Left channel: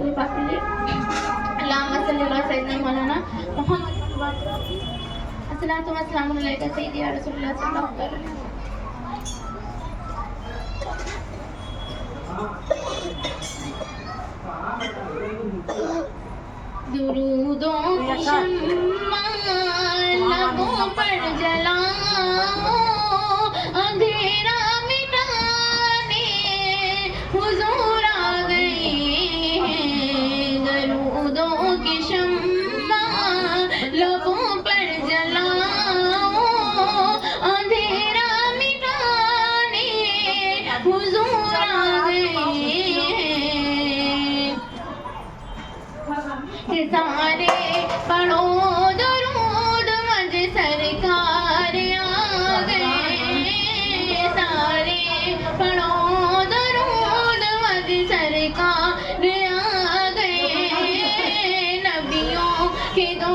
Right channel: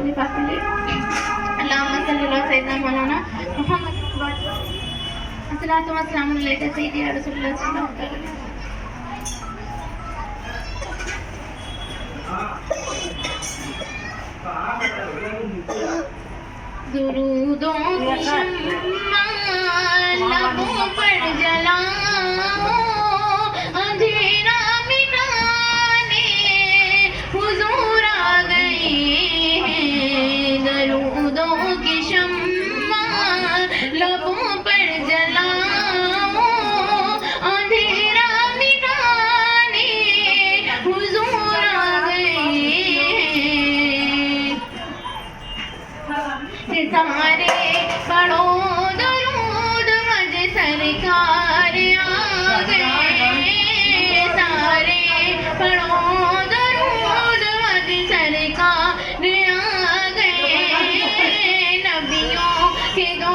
درود پاک کے لیے اللہم صلی اللہ سیدنا مولانا محمد الصلاۃ والسلام علیک سیدی یا رسول اللہ صلی اللہ علیہ وسلم. درودوں کی شمع لبوں پر جلاؤ، اندھیرا مٹانے حضور آ گئے ہیں. درودوں کی شمع لبوں پر جلاؤ، اندھیرا مٹانے حضور آ گئے ہیں. سارے پڑھو درود مجھ سرکار آ گئے. سارے پڑھو درود مجھ سرکار آ گئے. نبیوں کے دو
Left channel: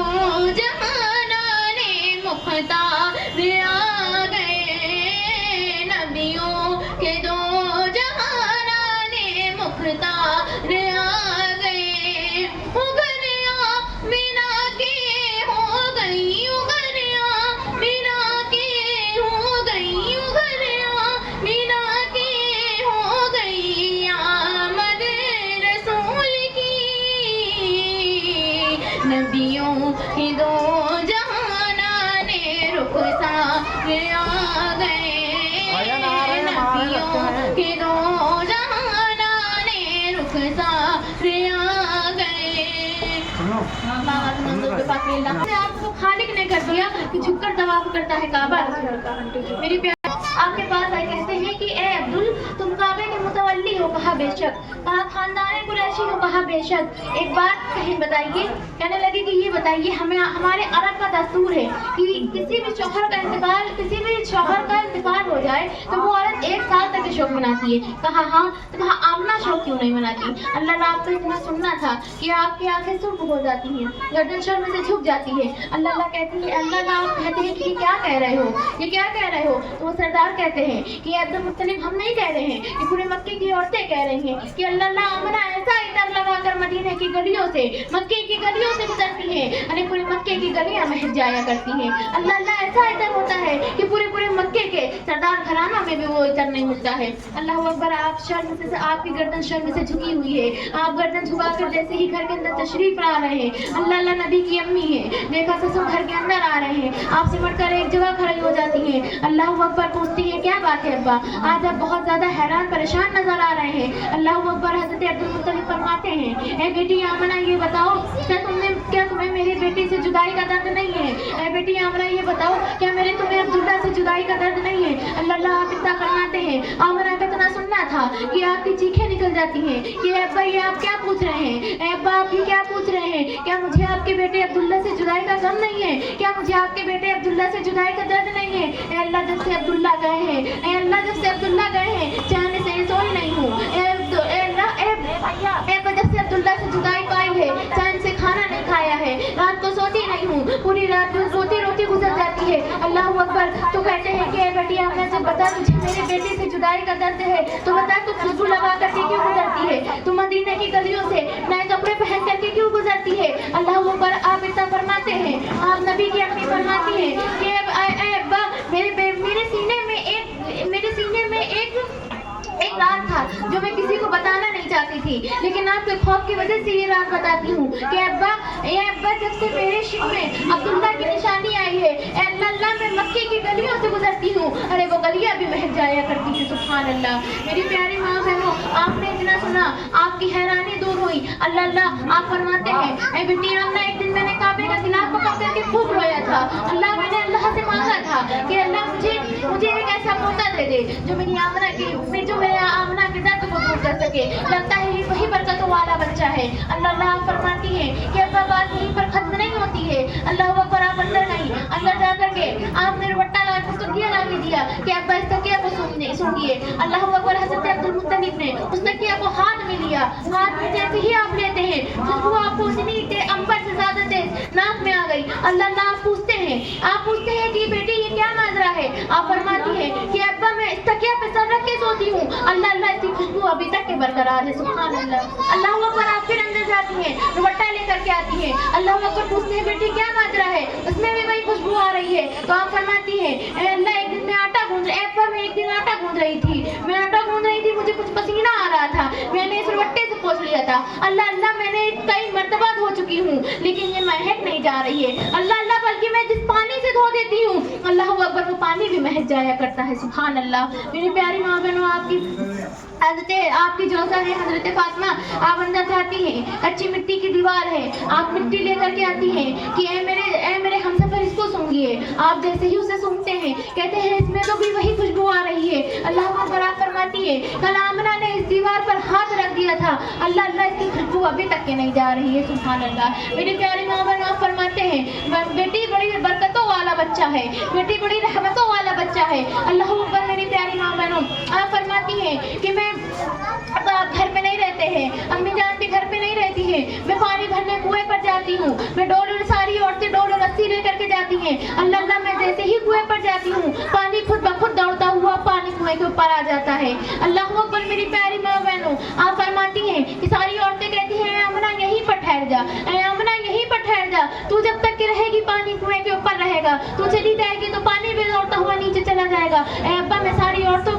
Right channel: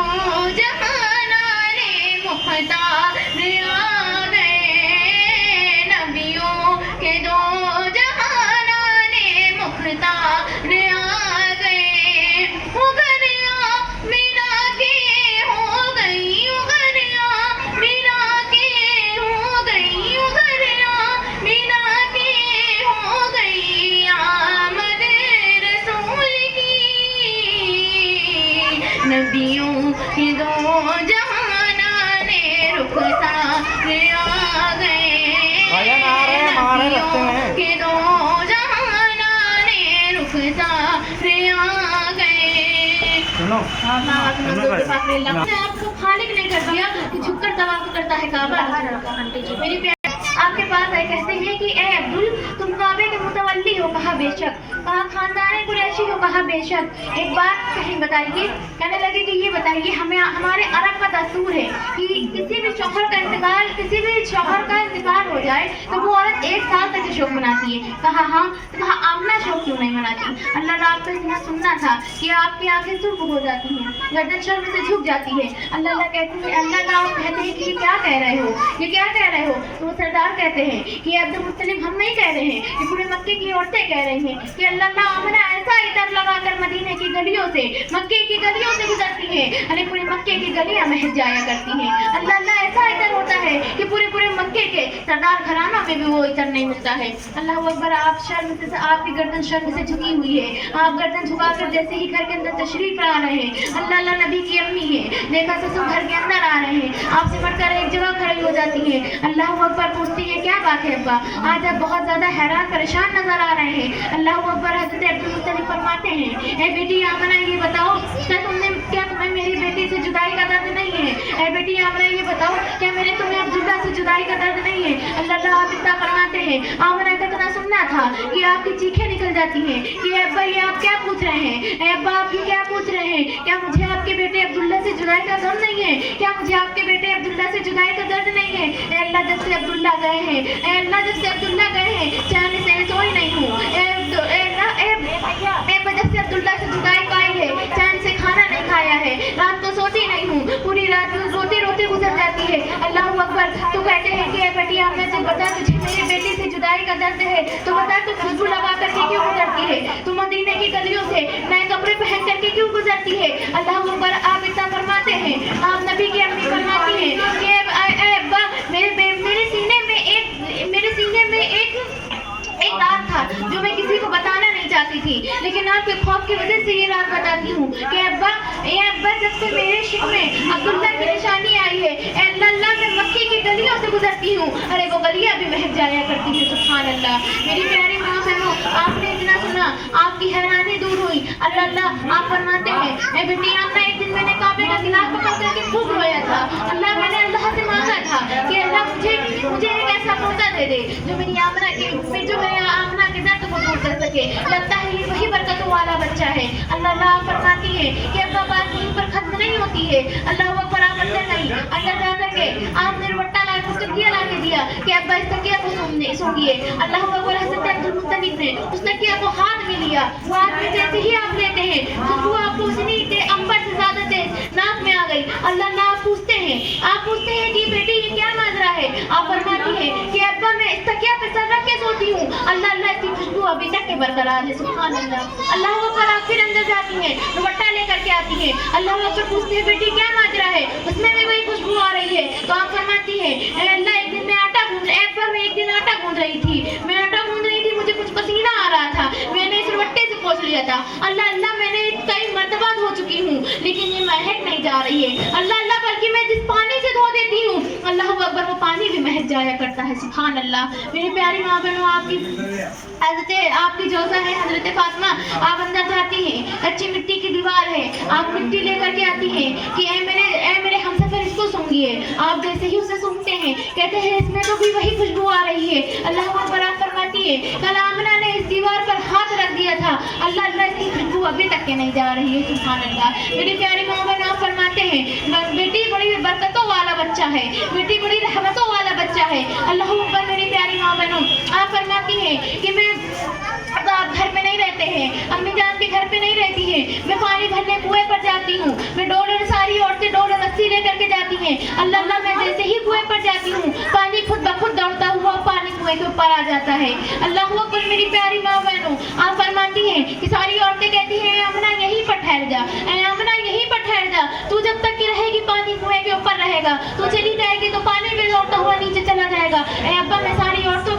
جہانان مختار آ گئے. نبیوں کے دو جہانان مختار آ گئے. نبیوں کے دو جہانان رخسار آ گئے. نبیوں کے دو جہانان رخسار آ گئے. آپ کو خالق نے کر دیا کہ جھک کر طواف کرتا ہے کعبہ. میری آپ کے پاس آئے کہتے ہیں کہ اے عبدل تم کعبے کے متولی ہو. کہا بے شک. کہا خاندان قریشی ہو. کہا بے شک. ایک بات کہیں بتائیے. کہنے لگے کہ یہ بتائیے ہمارے عرب کا دستور ہے کہ کسی بھی شوہر کا انتقال ہو جائے تو وہ عورت 1 سال تک شوق مناتی ہے. کہا ہاں. تو کہا آمنہ شوق کیوں نہیں مناتی؟ اللہ آپ کو اتنا سننا تھا کہ آپ کی آنکھیں سرخ ہو جاتی ہیں، گردن شرم سے جھک جاتی ہے. اللہ کہتے ہیں کہ یہ کیا کہہ رہے ہو، یہ کیا کہہ رہے ہو؟ تو وہ سردار کہتے ہیں کہ عبد المطلب ہم نہیں کہہ رہے ہیں، یہ پورے مکے کی عورتیں کہہ رہی ہیں کہ اللہ آمنہ ایسا عطر لگا کر مدینے کی گلیوں سے مکے کی گلیوں سے گزرتی ہیں، یعنی پورے مکے کی گلیاں مہک جایا کرتی ہیں. اللہ ایسا عطر ہوتا ہے کہ پورے مکے کے سردار گھرانوں میں بھی وہ عطر نہیں ملتا ہے. اللہ اکبر. آپ کی گردن شرم سے جھکی ہوئی ہے. آپ گردن جھکا کر جیسے ہی گھر کے اندر تشریف لا رہے ہیں، اللہ نبی کی امی ہے، دیکھا سسر گھر کے اندر آ رہے ہیں، آپ سے مٹ کر ایک جگہ کھڑی ہو جاتی ہے. اللہ اکبر. پوچھتی ہے کیا بات ہے ابا، آج آپ بہت زیادہ حیران پریشان نظر آ رہے ہیں. اللہ اکبر. حضرت عبد المطلب فرماتے ہیں اے بیٹی آمنہ یہ بتاؤ کیا تمہیں میری بیٹی سے جدائی کا درد نہیں ہے؟ اے بیٹی آمنہ یہ بتاؤ کیا تمہیں عبداللہ سے جدائی کا درد نہیں ہے؟ اللہ آپ اتنا فرماتے ہیں آمنہ کا اتنا سننا تھا کہ آپ کی چیخیں نکل جاتی ہیں کہ اے ابا یہ آپ کیا پوچھ رہے ہیں؟ اے ابا آپ یہ کیا پوچھ رہے ہیں؟ کیا مجھے آپ کے بیٹے عبداللہ سے جدائی کا غم نہیں ہے؟ کیا مجھے آپ کے بیٹے عبداللہ سے جدائی کا درد نہیں ہے؟ اے اللہ جب سے عبداللہ گئے ہیں، اے اللہ جب سے عبداللہ گئے ہیں چین سے سوئی نہیں ہوں. جب سے عبداللہ سے جدائی پائی ہے چین سے کھانا نہیں کھایا ہے، رات تو سوتی نہیں ہوں، پوری رات روتے روتے گزر جاتی ہے. اللہ اکبر. تو کہتے ہیں کہ اے بیٹی آپ نے جب بتا تجھے میرے بیٹے سے جدائی کا درد ہے تو بتا تو خوشبو لگا کر کے کیوں گزرتی ہے؟ تو مدینے کی گلیوں سے نئے کپڑے پہن کر کے کیوں گزرتی ہے؟ اللہ اکبر. آپ اتنا فرماتے ہیں، آپ نبی کی امی فرماتی ہیں کہ اے ابا میرے سینے میں ایک رات تھا جو میں کسی کو بتانا نہیں چاہتی تھی، لیکن آپ کے خوف کی وجہ سے یہ رات بتاتی ہوں کہ اے ابا جب سے میرے شکم میں عبداللہ کی نشانی آئی ہے، اے اللہ میں مکے کی گلیوں سے گزرتی ہوں، ارے وہ گلیاں بھی مہک جایا کرتی تھی. سبحان اللہ. میری پیاری ماں بہنوں آپ نے اتنا سنا، آپ کی حیرانی دور ہوئی. اللہ آپ فرماتے ہیں اے بیٹی آمنہ ایک دن میں نے کعبے کا گلاف پکڑ کر کے خوب رویا تھا. میں نے اللہ سے مانگا تھا کہ اللہ مجھے ایک ایسا موقع دے دے جو میری آمنہ کے درد کو دور کر سکے. لگتا ہے یہ وہی برکتوں والا بچہ ہے. اللہ فرماتی ہے کہ ابا بات مجھ پر ختم نہیں ہوتی ہے. اللہ اکبر. آپ اندر جا کر کے آپ نے روٹا لا کے تکیہ لا کے دیا کہ ابا اس تکیہ کو سونگیے. اللہ اکبر. حضرت عبد المطلب نے اس تکیہ کو ہاتھ میں لیا. ہاتھ میں جیسے ہی آپ لیتے ہیں خوشبو آپ کو اتنی امبر سے زیادہ تیز ناک میں آ گئی. اللہ آپ پوچھتے ہیں کہ بیٹی یہ کیا نظرہ ہے؟ آپ فرماتی ہے کہ ابا अब्बा मैं इस तकिया पे सर रख के सोती हूँ, अल्लाह अल्लाह इसकी खुशबू अभी तक के बरकरार है। सुभान अल्लाह। अल्लाह अकबर। आप फिर अंदर जाती हैं, दुपट्टा लेकर के आती हैं, अल्लाह अकबर पूछती है बेटी क्या माजरा है, उसमें भी वही खुशबू आ रही है। तो आप फरमाती है अल्लाह एक दिन मैं आटा गूंद रही थी, मैं आटा गूंद रही थी, मुझे कुछ पसीना आ रहा था, मैंने इस दुपट्टे से पोंछ लिया था, अल्लाह अल्लाह मैंने कई मर्तबा धो चुकी हूँ लेकिन ये महक नहीं जा रही है, अल्लाह अल्लाह बल्कि मैं जिस पानी से धो देती हूँ अल्लाह अकबर वो पानी भी महक जाया करता है। सुभान अल्लाह। मेरी प्यारी माँ बहनों, आपकी जोजा है हजरत फातिमा, आप अंदर जाती हैं, अच्छी मिट्टी की दीवार है, आप मिट्टी लेकर के आती हैं कि ऐ मेरे हमसफर इसको सूंघिए। आप जैसे ही उसे सूंघते हैं कहते हैं इसमें तो भी वही खुशबू आ रही है। अल्लाह अकबर। आप फरमाती है कल आमना ने इस दीवार पर हाथ रख दिया था, अल्लाह अल्लाह इसकी खुशबू अभी तक के नहीं जा रही है। सुभान अल्लाह। मेरी प्यारी माँ बहन, आप फरमाते हैं बेटी बड़ी बरकतों वाला बच्चा है, बेटी बड़ी रहमतों वाला बच्चा है। अल्लाह अकबर। मेरी प्यारी माँ बहनों, आप फरमाती हैं कि मैं अब आप घर पे नहीं रहते हैं, अम्मी जान के घर पे नहीं रहती है, मैं पानी भरने कुएं पर जाती हूँ, मैं सारी औरतें डोल रस्सी लेकर के जाती हैं, अल्लाह अल्लाह मैं जैसे ही कुएं पर जाती हूँ पानी खुद ब खुद दौड़ता हुआ पानी कुएं के ऊपर आ जाता है। अल्लाह अकबर। मेरी प्यारी माँ बहनों, आप फरमाती हैं कि सारी औरतें कहती हैं अमना यहीं पर ठहर जा, अमना यहीं पर ठहर जा, तू जब तक की रहेगी पानी कुएं के ऊपर रहेगा, तू चली जाएगी तो पानी में दौड़ता हुआ नीचे चला जाएगा। अब्बा मैं सारी औरतों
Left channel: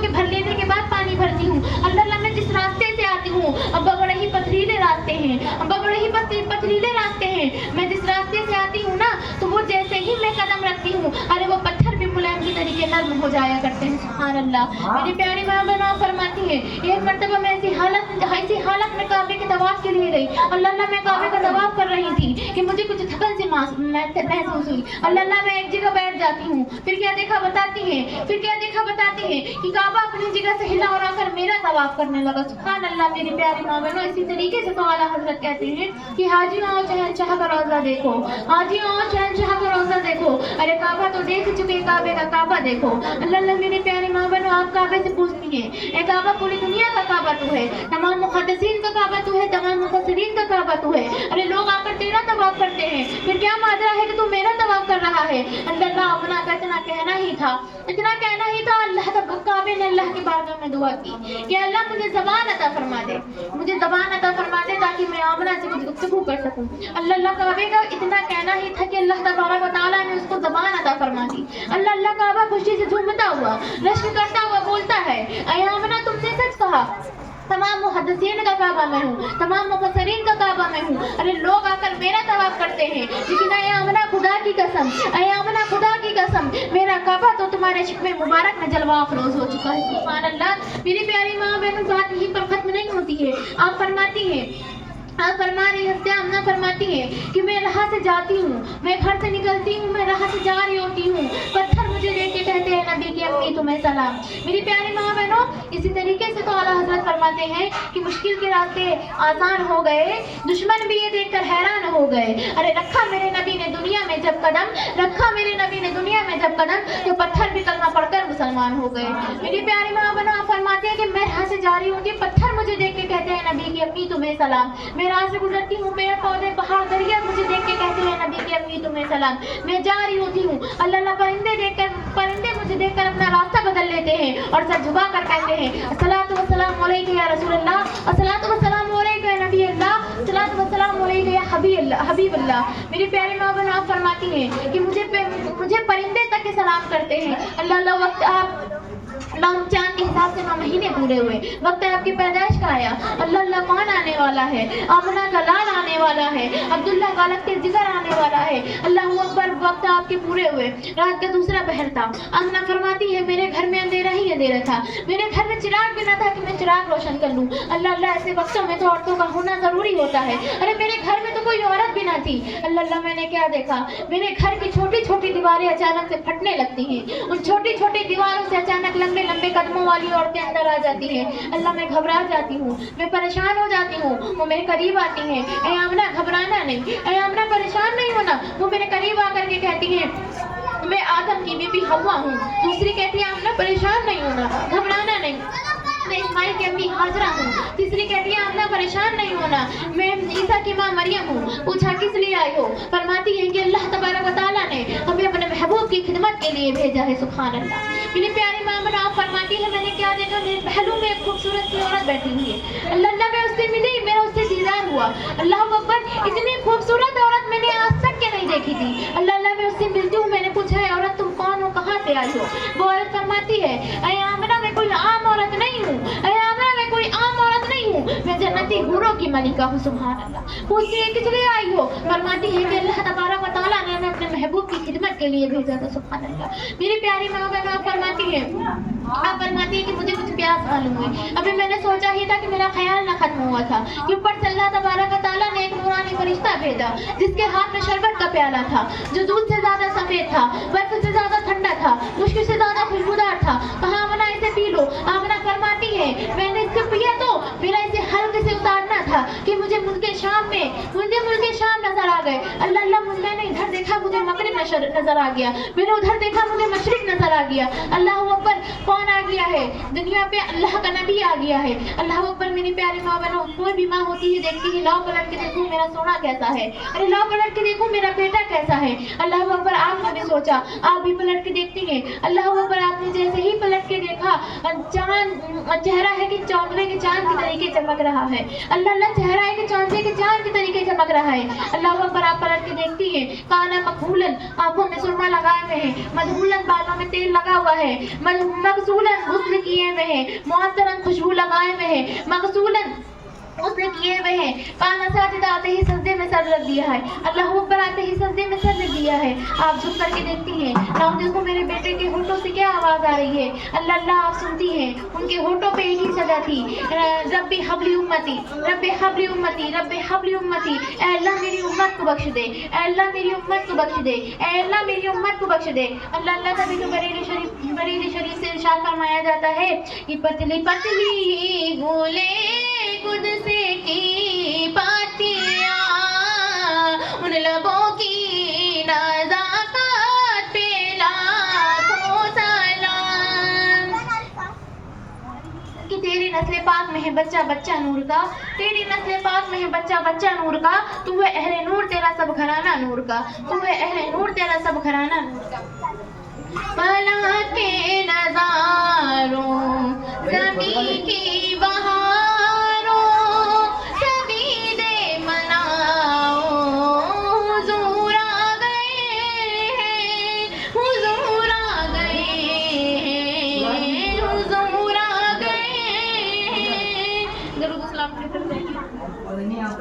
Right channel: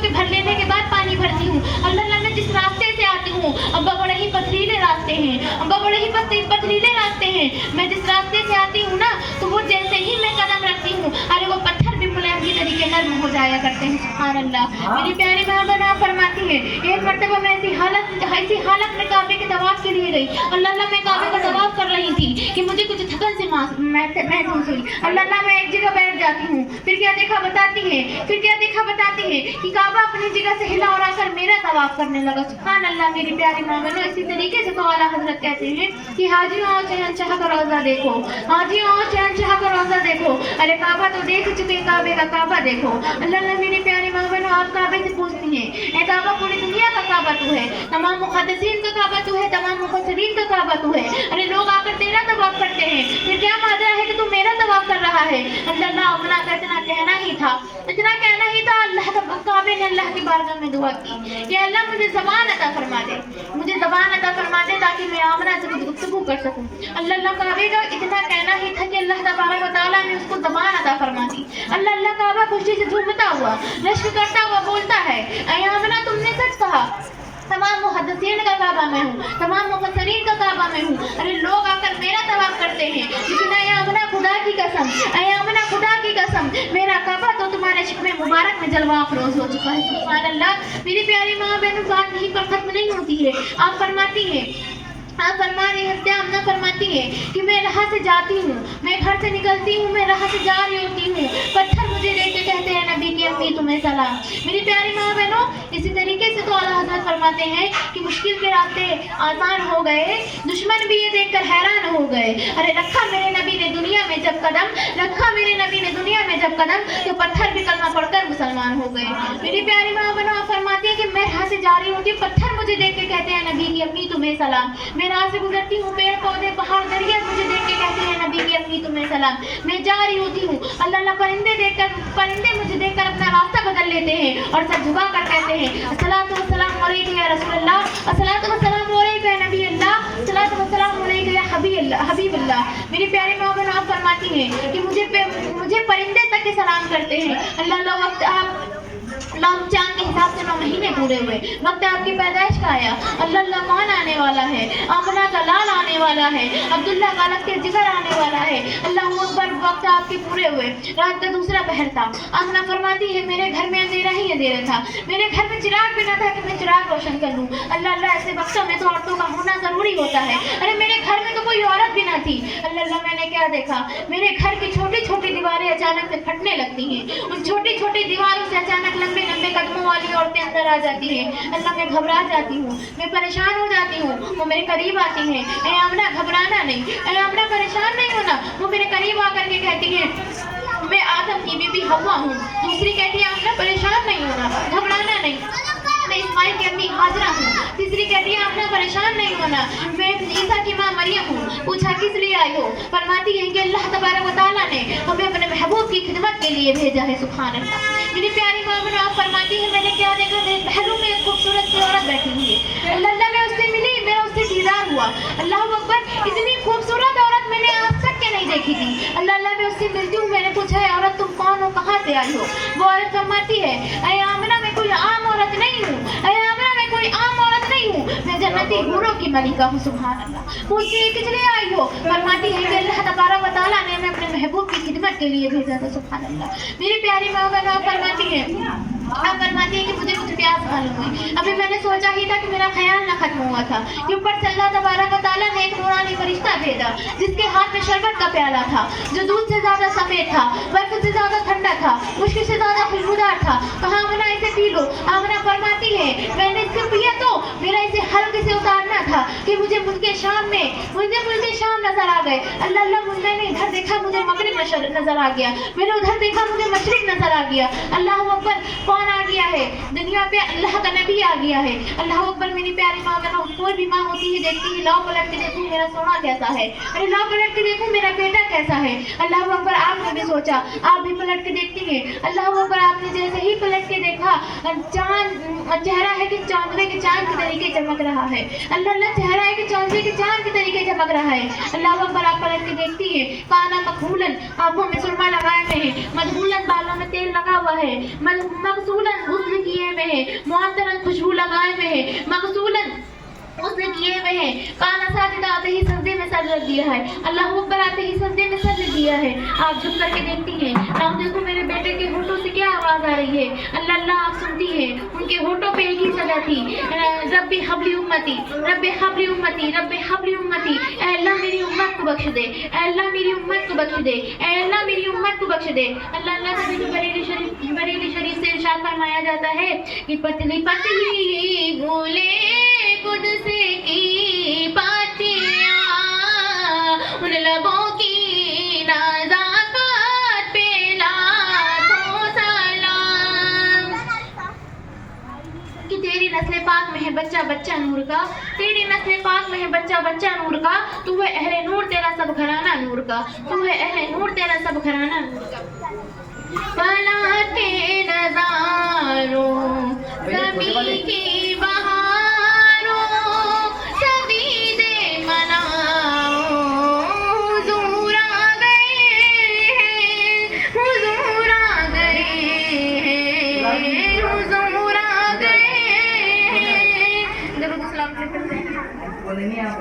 के भर लेने के बाद पानी भरती हूँ, अल्लाह अल्लाह मैं जिस रास्ते से आती हूँ अब्बा बड़े ही पथरीले रास्ते हैं, अब्बा बड़े ही पथरीले रास्ते हैं, मैं जिस रास्ते से आती हूँ ना तो वो जैसे ही मैं कदम रखती हूँ अरे वो पत्थर भी मुलायम की तरीके नर्म हो जाया करते हैं। सुभान अल्लाह। मेरी प्यारी माँ बहन फरमाती है एक मर्तबा मैं ऐसी हालत में काबे के तवाफ के लिए गई, अल्लाह अल्लाह मैं काबे का तवाफ कर रही थी कि मुझे कुछ थकन से महसूस हुई, अल्लाह अल्लाह मैं एक जगह बैठ जाती हूँ, फिर क्या देखा बताती है कि काबा अपनी जगह से हिला उड़ा कर मेरा तवाफ करने लगा। सुभान अल्लाह। मेरी प्यारी माँ बहनों, इसी तरीके से तो आला हजरत कहते हैं कि हाजियों आओ शहंशाह का रोज़ा देखो, हाजियों आओ शहंशाह का रोज़ा देखो, अरे काबा तो देख चुके, काबे का काबा देखो। अल्लाह अल्लाह। मेरी प्यारी माँ बहनों, आप काबे से पूछती हैं ए काबा पूरी दुनिया का काबा तू है, तमाम मुहद्दिसीन का काबा तू है, तमाम मुफस्सिरीन का काबा तू है, अरे लोग आकर तेरा तवाफ करते हैं, फिर क्या माजरा है कि तू मेरा तवाफ कर रहा है। अल्लाह अपना इतना कहना ही था, अल्लाह काबे ने अल्लाह की बारगाह में दुआ की कि अल्लाह मुझे ज़बान अता फरमा दे ताकि मैं आमना से कुछ गुफ्तगू कर सकूं। अल्लाह काबे का इतना कहना ही था कि अल्लाह तबारक व तआला ने उसको ज़बान अता फरमा दी। अल्लाह काबा खुशी से झूमता हुआ रश्क करता हुआ बोलता है ऐ आमना तुमने सच कहा, तमाम मुहद्दिसीन का काबा में हूँ, तमाम मुफस्सिरीन का काबा में हूँ, अरे लोग आकर मेरा तवाफ करते हैं, लेकिन ऐ आमना खुदा की कसम मेरा काबा तो तुम्हारे शिकवे मुबारक में जलवा अफरोज हो चुका है। सुभान अल्लाह। मेरी प्यारी माँ बहनों, बात यहीं पर खत्म नहीं होती है। आप फरमाती है कि मैं राह से जाती हूँ, मैं घर से निकलती हूँ, मैं राह से जा रही होती हूँ, पत्थर मुझे देख के कहते हैं नबी की अम्मी तुम्हें सलाम। मेरी प्यारी माँ बहनों, इसी तरीके से तो आला हजरत फरमाते हैं कि मुश्किल के रास्ते आसान हो गए, दुश्मन भी ये देखकर हैरान हो गए, अरे रखा मेरे नबी ने दुनिया में जब कदम तो पत्थर भी कलमा पढ़कर मुसलमान हो गए। मेरी प्यारी माँ बहनों, फरमाते हैं कि मैं राह से जा रही हूँ कि पत्थर मुझे देख के कहते हैं नबी की अम्मी तुम्हें सलाम, मैं राह से गुजरती हूँ, पेड़ पौधे पहाड़ दरिया मुझे देख के कहते हैं नबी की अम्मी तुम्हें सलाम, मैं जा रही होती हूँ, अल्लाह परिंदे मुझे देखकर अपना रास्ता बदल लेते हैं और सर झुका कर कहते हैं अस्सलातु वस्सलामु अलैका या रसूलल्लाह, अस्सलातु वस्सलामु अलैका या नबी अल्लाह, अस्सलातु वस्सलामु अलैका या हबीब अल्लाह। मेरी प्यारी माँ बहन, आप फरमाती हैं कि मुझे परिंदे तक के सलाम करते हैं। अल्लाह वक्त आप चांद के हिसाब से 9 महीने पूरे हुए, वक्त आपकी पैदाइश का आया, अल्लाह मान आने वाला है, आमना का लाल आने वाला है, अब्दुल्ला का अलग के जिगर आने वाला है, अल्लाह अकबर, वक्त आपके पूरे हुए, रात का दूसरा पहर था। आमना फरमाती है मेरे घर में अंधेरा ही अंधेरा था, मेरे घर में चिराग भी न था कि मैं चिराग रोशन कर लूँ। अल्लाह ऐसे वक्तों में तो औरतों का होना जरूरी होता है। अरे मेरे घर में तो कोई औरत भी ना थी। अल्लाह मैंने क्या देखा, मेरे घर की छोटी छोटी दीवारें अचानक से फटने लगती हैं, उन छोटी छोटी दीवारों से अचानक लंबे लंबे कदमों वाली औरतें अंदर आ जाती हैं। अल्लाह मैं घबरा जाती हूँ, मैं परेशान हो जाती हूँ, वो मेरे करीब आती हैं, ऐ आमना घबराना नहीं, ऐ आमना परेशान नहीं होना। वो मेरे करीब आकर के कहती हैं मैं आदम की बीबी हव्वा हूँ। दूसरी कहती है आमना परेशान नहीं होना, घबराना नहीं, मैं इस्माइल की अम्मी हाजरा हूँ। तीसरी कहती है आमना परेशान नहीं होना, मैं ईसा की माँ मरियम हूँ। पूछा किस लिए आई हो? फरमाती है कि अल्लाह तबारक व तआला ने हमें अपने महबूब की खिदमत के लिए भेजा है। सुभान अल्लाह। मेरी प्यारी माँ बनो आप फरमाती है मैंने क्या देखा, मेरे पहलू में एक खूबसूरत सी औरत बैठी हुई है। अल्लाह मैं उससे मिली, मेरा उससे दीदार हुआ। अल्लाह अकबर, इतनी खूबसूरत औरत मैंने आज तक के नहीं देखी थी। अल्लाह मैं उससे मिलती हूँ, मैंने पूछा है औरत तुम कौन हो, कहाँ से आई हो? वो औरत फरमाती है ऐ आमना मैं कोई आम औरत नहीं हूँ, ऐ आमना मैं कोई आम औरत नहीं हूँ, मैं जन्नती हूरों की मलिका हूँ। सुभान अल्लाह। पूछती है किस लिए आई हो? फरमाती है कि अल्लाह तबारक व तआला ने हमें अपने महबूब की खिदमत के लिए भेजा था। सुभान अल्लाह। मेरी प्यारी माँ बहन फरमाती है कि मुझे कुछ प्यास मालूम हुई। अभी मैंने सोचा ही था कि मेरा ख्याल न खत्म हुआ था कि ऊपर से अल्लाह तबारक व तआला ने एक नूरानी फरिश्ता भेजा जिसके हाथ में शरबत का प्याला था जो दूध से ज्यादा सफेद था, बर्फ से ज्यादा ठंडा था, मुश्किल से ज्यादा खुशबूदार था। कहा आमना इसे पी लो। आमना फरमाती है मैंने इसे पिया तो मेरा इसे हल्के से उतारना था कि मुझे मुल्के शाम नजर आ गए। अल्लाह मैंने इधर देखा मुझे मगरिब नजर आ गया, मैंने उधर देखा मुझे मशरिक नजर आ गया। अल्लाह अकबर, कौन आ गया है दुनिया पे? अल्लाह का नबी आ गया है। अल्लाह अकबर। मेरी प्यारी माँ बहनों, कोई भी माँ होती है देखती है लाओ पलट के देखूं मेरा सोना कैसा है, अरे लाओ पलट के देखूं मेरा बेटा कैसा है। अल्लाह अकबर, आपने भी सोचा, आप भी पलट के देखती हैं। अल्लाह अकबर, आपने जैसे ही पलट के देखा चांद चेहरा है कि चांदवे के चांद की तरीके चमक रहा है। अल्लाह चेहरा है कि चांदवे के चांद की तरीके चमक रहा है। अल्लाह अकबर, आप पलट के देखती हैं। काना मखूलन, आंखों में सुरमा लगाए हुए हैं, मधुलन बालों में तेल लगा हुआ है, मगसूलन गुस्ल किए हुए हैं, मुअत्तरन खुशबू लगाए हुए हैं, मगसूलन उसने किए हुए हैं। काना साजिदा, आते ही सजदे में सर रख दिया है। अल्लाह अकबर, आते ही सजदे में सर रख दिया है। आप झुक करके देखती हैं, आप देखो मेरे बेटे के होठों से क्या आवाज आ रही है। अल्लाह आप सुनती हैं, उनके होठों पे एक ही सजा थी, रब्बी हबली उम्मती, रब्बी हबली उम्मती, रब्बी हबली उम्मती। ऐ अल्लाह मेरी उम्मत को बख्श दे, ऐ अल्लाह मेरी उम्मत को बख्श दे, ऐ अल्लाह मेरी उम्मत को बख्श दे। अल्लाह तभी तो बरेली शरीफ से इरशाद फरमाया जाता है कि पतली पतली गोले कुदस की पातियां उन लबों की नज़ाकत पे लाखों सलाम। कि तेरी नस्ल पाक में है बच्चा बच्चा नूर का, तेरी नस्ल पाक में है बच्चा बच्चा नूर का, तू है अहले नूर तेरा सब घराना नूर का, तू है अहले नूर तेरा सब घराना नूर का। पला के नज़ारों ज़मीं की बहारों सभी दे मनाओ, हुज़ूर आ गए हैं, हुज़ूर आ गए हैं, हुज़ूर आ गए हैं। दरूद सलाम करते हैं। बोले नहीं आप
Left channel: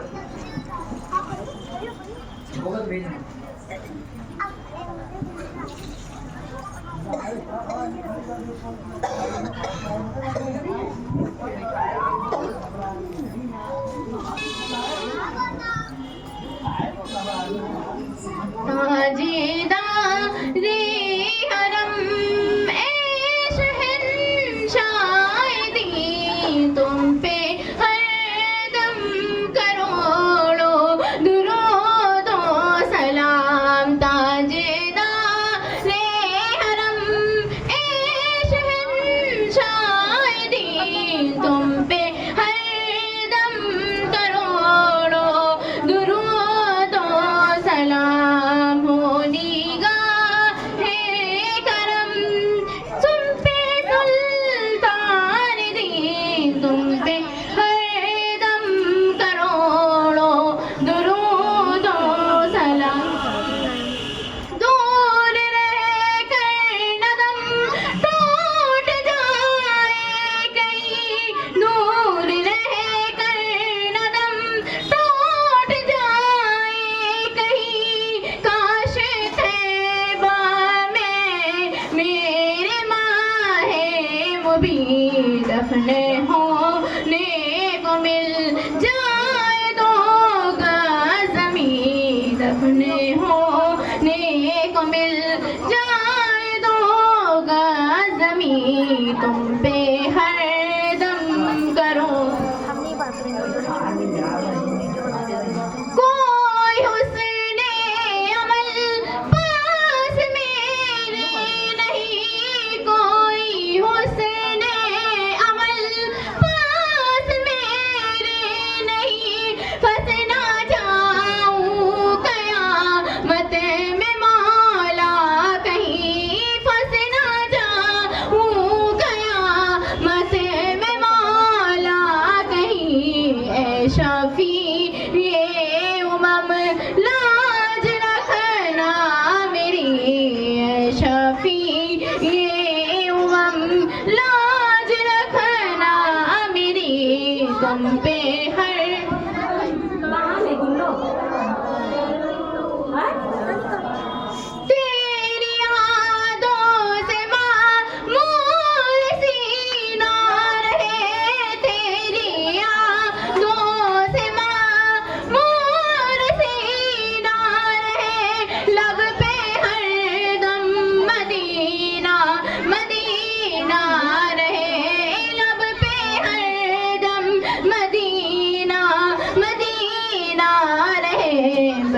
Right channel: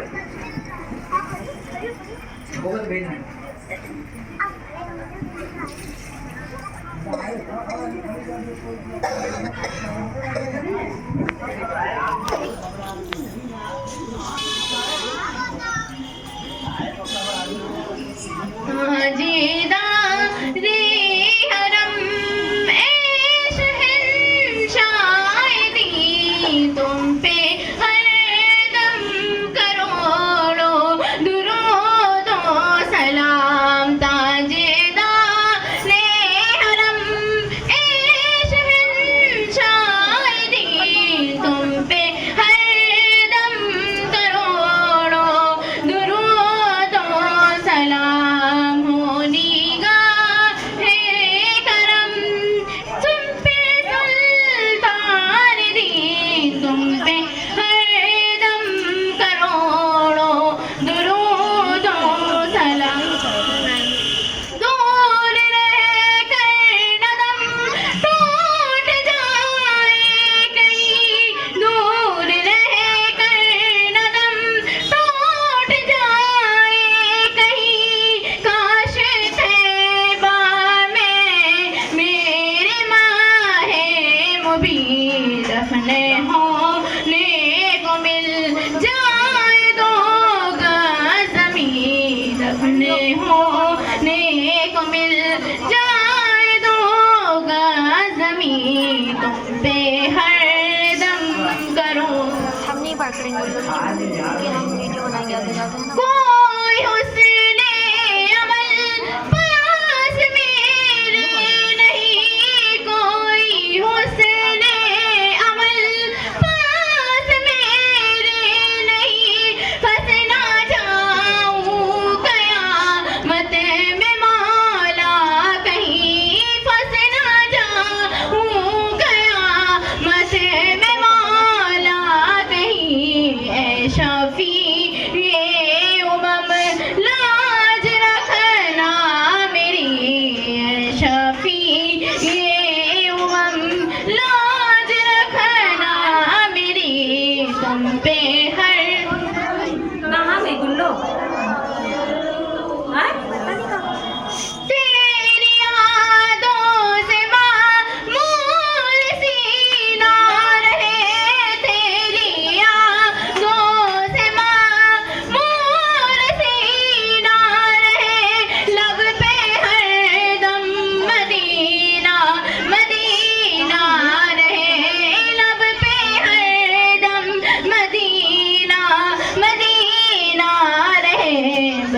बहुत भेजना है। जीदा रे हरम ए शहंशायदी तुम पे हरदम करोड़ों दुरूद व सलाम। ताजेदा रे हरम ए शहंशायदी तुम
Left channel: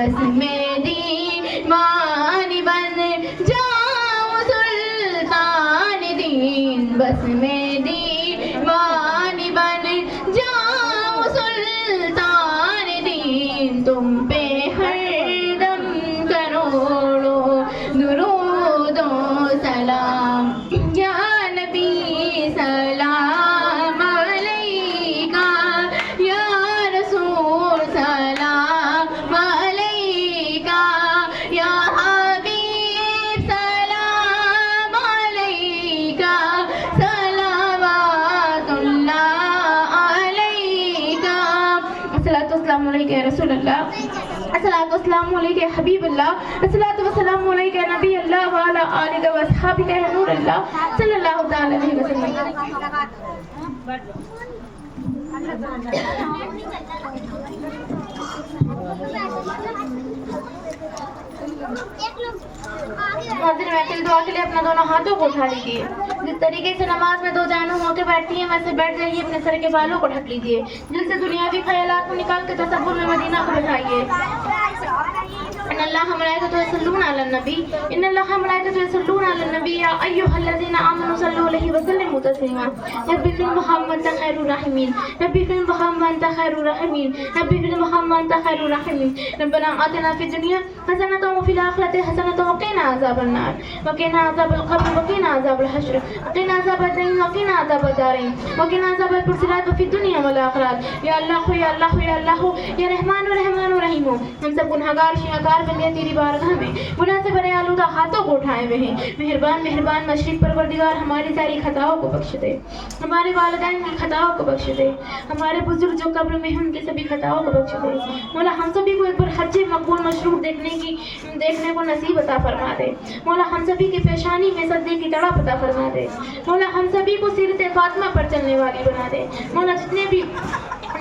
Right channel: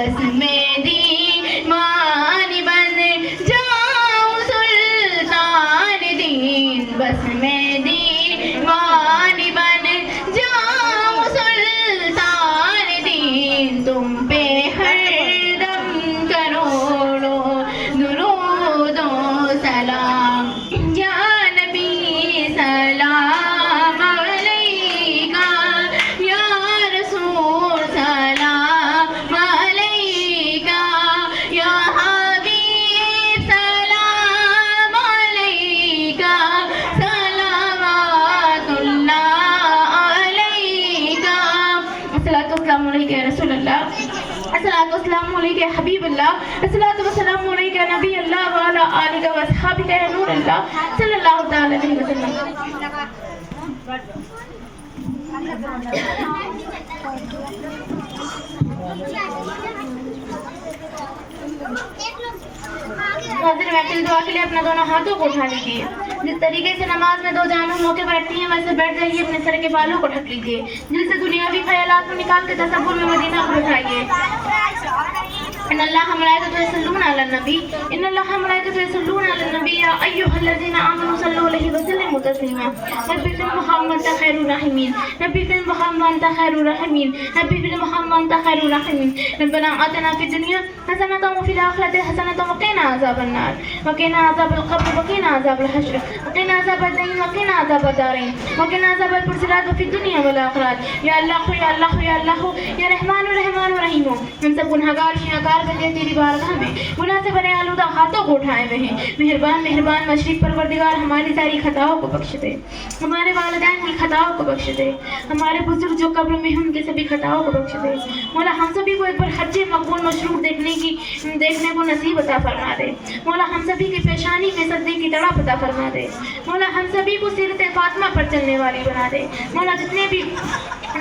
بس میں دیوان بن جاؤں سلطان دین، بس میں دیوان بن جاؤں سلطان دین، تم پہ ہر دم کروڑوں درود و سلام، یا نبی سلام علیکہ، یا رسول سلام علیکہ، یا حبیب سلام علیکہ، صلوات اللہ علیکہ، الصلاۃ والسلام علیکہ یا رسول اللہ، الصلاۃ والسلام علیکہ یا حبیب اللہ، الصلاۃ والسلام علیکہ یا نبی اللہ وعلی آلہ و اصحابہ یا نور اللہ صلی اللہ تعالی علیہ وسلم۔ حاضر محفل دعا کے لیے اپنے دونوں ہاتھوں کو اٹھا لیجیے، جس طریقے سے نماز میں دو جانوں ہو کے بیٹھتی ہیں ویسے بیٹھ جائیے، اپنے سر کے بالوں کو ڈھک لیجیے، دل سے دنیاوی خیالات کو نکال کے تصور میں مدینہ کو بٹھائیے۔ ان اللہ ملائکۃ یصلون علی النبی، ان اللہ ملائکۃ یصلون علی النبی یا ایھا الذین آمنوا صلوا علیہ وسلموا تسلیما، نبی فی محمد انت خیر الراحمین، نبی فی محمد انت خیر الراحمین، نبی فی محمد انت خیر الراحمین، ربنا آتنا فی الدنیا حسنۃ وفی الآخرۃ حسنۃ وقنا عذاب النار، وقنا عذاب القبر، وقنا عذاب الحشر، وقنا عذاب الدین، وقنا عذاب الدارین، وقنا عذاب الصراط وفی الدنیا والآخرۃ، یا اللہ یا اللہ یا اللہ یا رحمان الرحمن الرحیم۔ ہم سب گنہگار شیعہ بندے تیری بارگاہ میں گناہ سے بھرے آلودہ ہاتھوں کو اٹھائے ہوئے ہیں، مہربان مہربان مشرق پروردگار ہماری ساری خطاؤں کو بخش دے، ہمارے والدین کی خطاؤں کو بخش دے، ہمارے بزرگ جو قبر میں ہیں ان کی سبھی خطاؤں کو بخش دے، مولا ہم سبھی کو ایک بار حج مقبول مشروع دیکھنے کو نصیب عطا فرما دے، مولا ہم سبھی کی پیشانی میں صدقے کی تڑپ عطا فرما دے، مولا ہم سبھی کو سیرت فاطمہ پر چلنے والی بنا دے، مولا جتنے بھی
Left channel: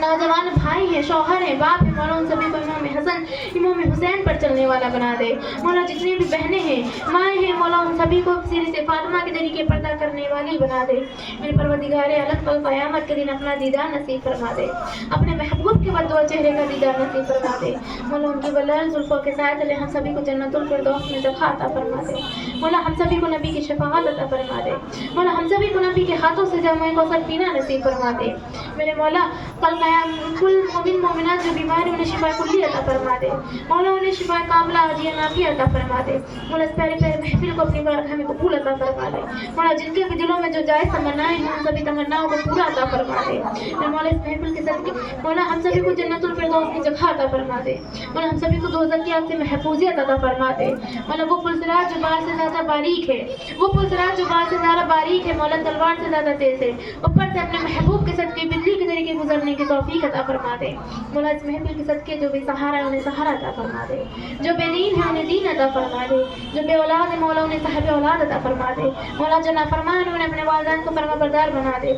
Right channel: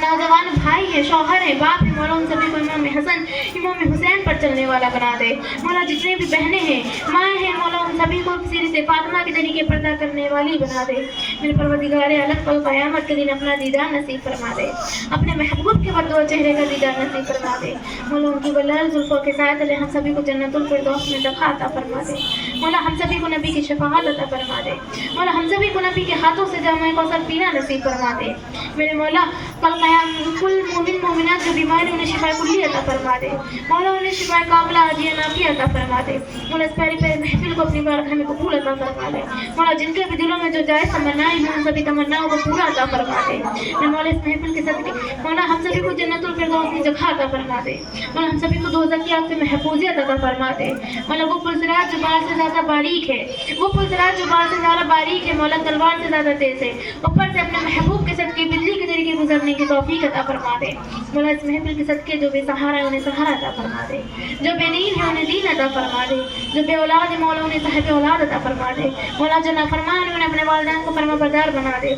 نوجوان بھائی ہیں، شوہر ہیں، باپ ہیں، مولا ان سبھی کو امام حسن امام حسین پر چلنے والا بنا دے، مولا جتنے بھی بہنیں ہیں، مائیں ہیں، مولا ان سبھی کو سیرت فاطمہ کے طریقے پر ادا کرنے والی بنا دے، میرے پروردگار عالم کو قیامت کے دن اپنا دیدار نصیب فرما دے، اپنے محبوب کے بدو چہرے کا دیدار نصیب فرما دے، مولا ان کی بلال زلفوں کے سائے تلے ہم سبھی کو جنت الفردوس میں جگہ عطا فرما دے، مولا ہم سبھی کو نبی کی شفاعت عطا فرما دے، مولا ہم سبھی کو نبی کے ہاتھوں سے جامع کوثر پینا نصیب فرما دے، میرے مولا کل کل مومن مومنات جو بیمار ہیں انہیں شفا کلی عطا فرما دے، مولا انہیں شفا کاملہ عاجلہ نافعہ عطا فرما دے، مولا اس پیاری پیاری محفل کو اپنی بارگاہ میں قبول عطا فرما دے، مولا جن کے بھی دلوں میں جو جائز تمنائیں ہیں ان سبھی تمناؤں کو پورا عطا فرما دے، مولا اس محفل کے صدقے مولا ہم سبھی کو جنت الفردوس کی جگہ عطا فرما دے، مولا ہم سبھی کو دوزخ کی آگ سے محفوظیت عطا فرما دے، مولا وہ پلسرات جو بار سے زیادہ باریک ہے، وہ پلسرات جو بار سے زیادہ باریک ہے، مولا تلوار سے زیادہ تیز ہے، اوپر سے اپنے محبوب کے صدقے بجلی کے طریقے گزرنے کی توفیق عطا فرما دے، مولا اس محفل کے صدقے جو بے سہارا ہے انہیں سہارا عطا فرما دے، جو بے دین ہے انہیں دین عطا فرما دے، جو بے اولاد ہے مولا انہیں صاحب اولاد عطا فرما دے، مولا جو نافرمان ہے انہیں اپنے والدین کو فرما بردار بنا دے،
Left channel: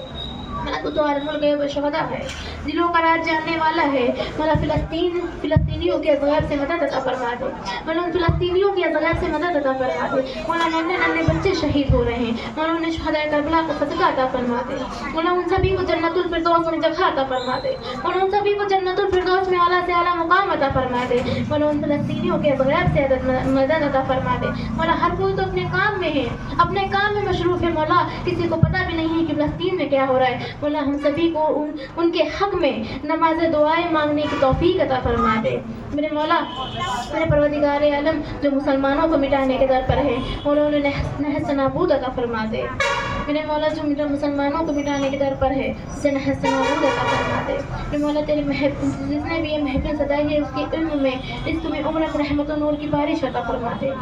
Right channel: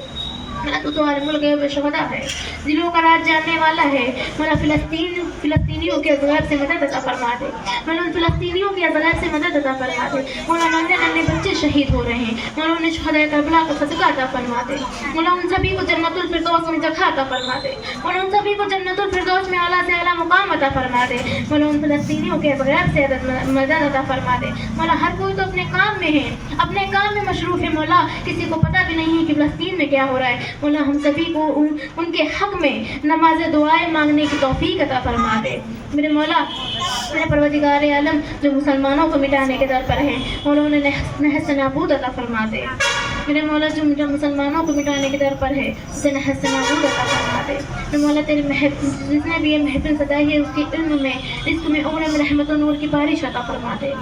مولا تو تمہارے ملک ہے شہدا ہے، دلوں کا راز جاننے والا ہے، مولا فلسطینیوں کے اذغار سے مدد عطا فرما دے، مولا ان فلسطینیوں کے اذغار سے مدد عطا فرما دے، مولا ننھے ننھے بچے شہید ہو رہے ہیں، مولا انہیں شہدائے کربلا کا صدقہ عطا فرما دے، مولا ان سبھی کو جنت الفردوس میں جگہ عطا فرما دے، مولا ان سبھی کو جنت الفردوس میں اعلیٰ سے اعلیٰ مقام عطا فرما دے، مولا ان فلسطینیوں کے اذغار سے مدد عطا فرما دے، مولا ہر کوئی تو اپنے کام میں ہے، اپنے کام میں مصروف ہے، مولا کسی کو پتہ بھی نہیں ہے کہ فلسطین میں کیا ہو رہا ہے، مولا ہم سبھی کو ان کے حق میں نماز دعائیں مانگنے کی توفیق عطا فرما دے، میرے مولا میرے پروردگار عالم جو مسلمانوں کو مٹانے کے در پر ہے، مولا انہیں نحس نابود عطا فرما دے، میرے مولا جو مسلمانوں کو مٹانے کے در پر ہے اسے نحس نابود عطا فرما دے، میرے مولا تیری جس نے بھی یہ محفل سجائی ہے اس کے علم میں رزق میں عمر میں رحمت و نور کی بارش عطا فرما دے،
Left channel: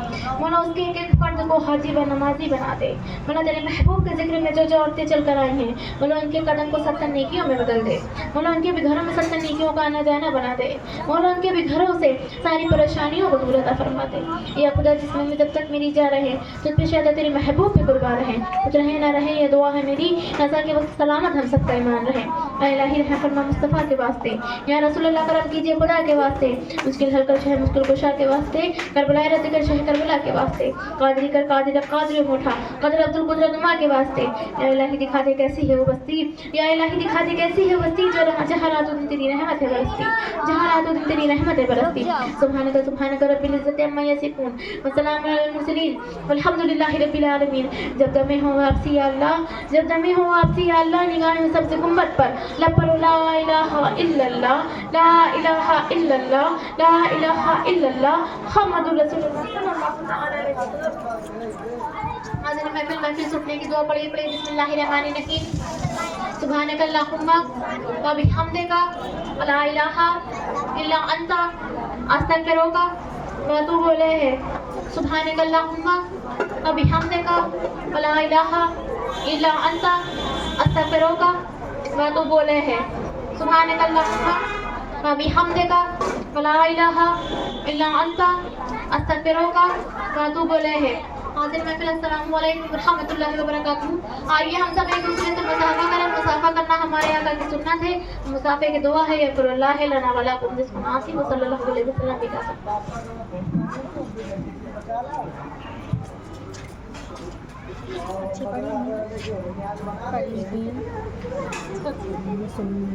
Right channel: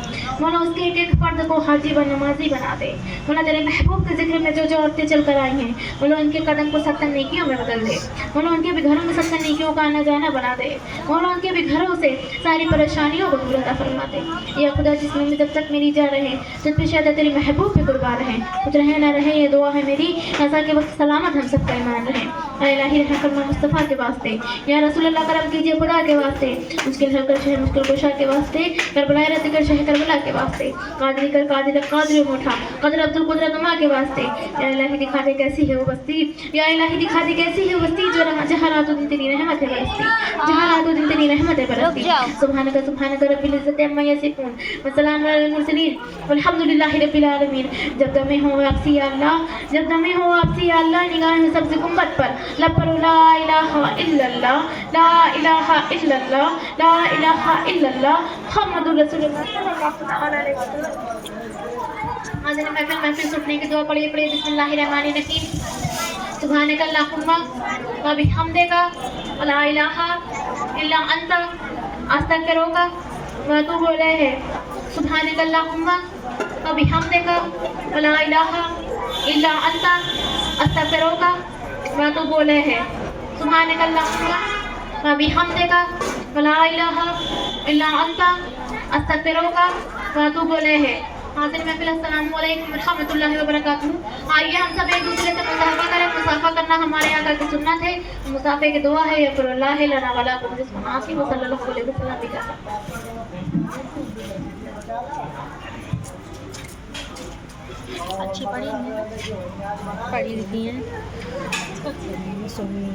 مولا اس کے ایک ایک فرد کو حاجی و نمازی بنا دے، مولا تیرے محبوب کے ذکر میں جو جو عورتیں چل کر آئی ہیں مولا ان کے قدم کو 70 نیکیوں میں بدل دے، مولا ان کے بھی گھروں میں 70 نیکیوں کا آنا جانا بنا دے، مولا ان کے بھی گھروں سے ساری پریشانیوں کو دور عطا فرما دے، یا خدا جس میں جب تک میری جا رہے جب پیش آتا تیری محبوب پہ قربان رہے، کچھ رہے نہ رہے یہ دعا ہے میری، نظر کے وقت سلامت ہم سب کا ایمان رہے، اے الہی رحم فرما مصطفیٰ کے واسطے، یا رسول اللہ کرم کیجیے خدا کے واسطے، مشکل حل کر شہر مشکل کشا کے واسطے، کربلا رد کر شہر کربلا کے واسطے، قادری کر قادر قادر موٹھا قدر عبد القدرت عما کے واسطے، یا الہی دکھا دے کیسی ہے وہ بستی، یا الہی دکھا دے کیسی ہے وہ بستی جو جہاں رات و دن تیری رحمت ہے برستی، جہاں رات و دن تیری رحمت रहमत बरसती सुभानक रब्बिल इज्जति अम्मा यसिफून व सलामुन अलल मुरसलीन वल्हम्दुलिल्लाहि रब्बिल आलमीन। जब दमे हो वापसी या अल्लाह, जब दमे हो वापसी या अल्लाह, निगाहें सबसे उम्मत पर, लब पर ला इलाहा इल्लल्लाह, ला इलाहा इल्लल्लाह, ला इलाहा इल्लल्लाह मुहम्मदुर रसूलुल्लाह सल्लल्लाहु अलैहि वसल्लम। हाज़िर महफिल सुनने की दुआ पढ़िए बिस्मिल्लाहिर्रहमानिर्रहीम। सुभानक अल्लाहुम्मा व बिहम्दिका ला इलाहा इल्ला अंता अस्तगफिरुका व अतूबु इलैह। सुभानक अल्लाहुम्मा व बिहम्दिका ला इलाहा इल्ला अंता अस्तगफिरुका व अतूबु इलैह। सुभानक अल्लाहुम्मा व बिहम्दिका ला इलाहा इल्ला अंता अस्तगफिरुका व अतूबु इलैह। हाज़िर महफिल अस्सलामु अलैकुम व रहमतुल्लाहि व बरकातुहू। आइए हम सब एक दूसरे से मुसाफा करें। मुसाफा करना हमारे आका की सुन्नत है। मुसाफे की दुआ है यक़ुरुल्लाह लना व लकुम जिसको नासिब सल्लल्लाहु अलैहि वसल्लम भी कहा। अच्छी पढ़ी लिखी हैं सुनी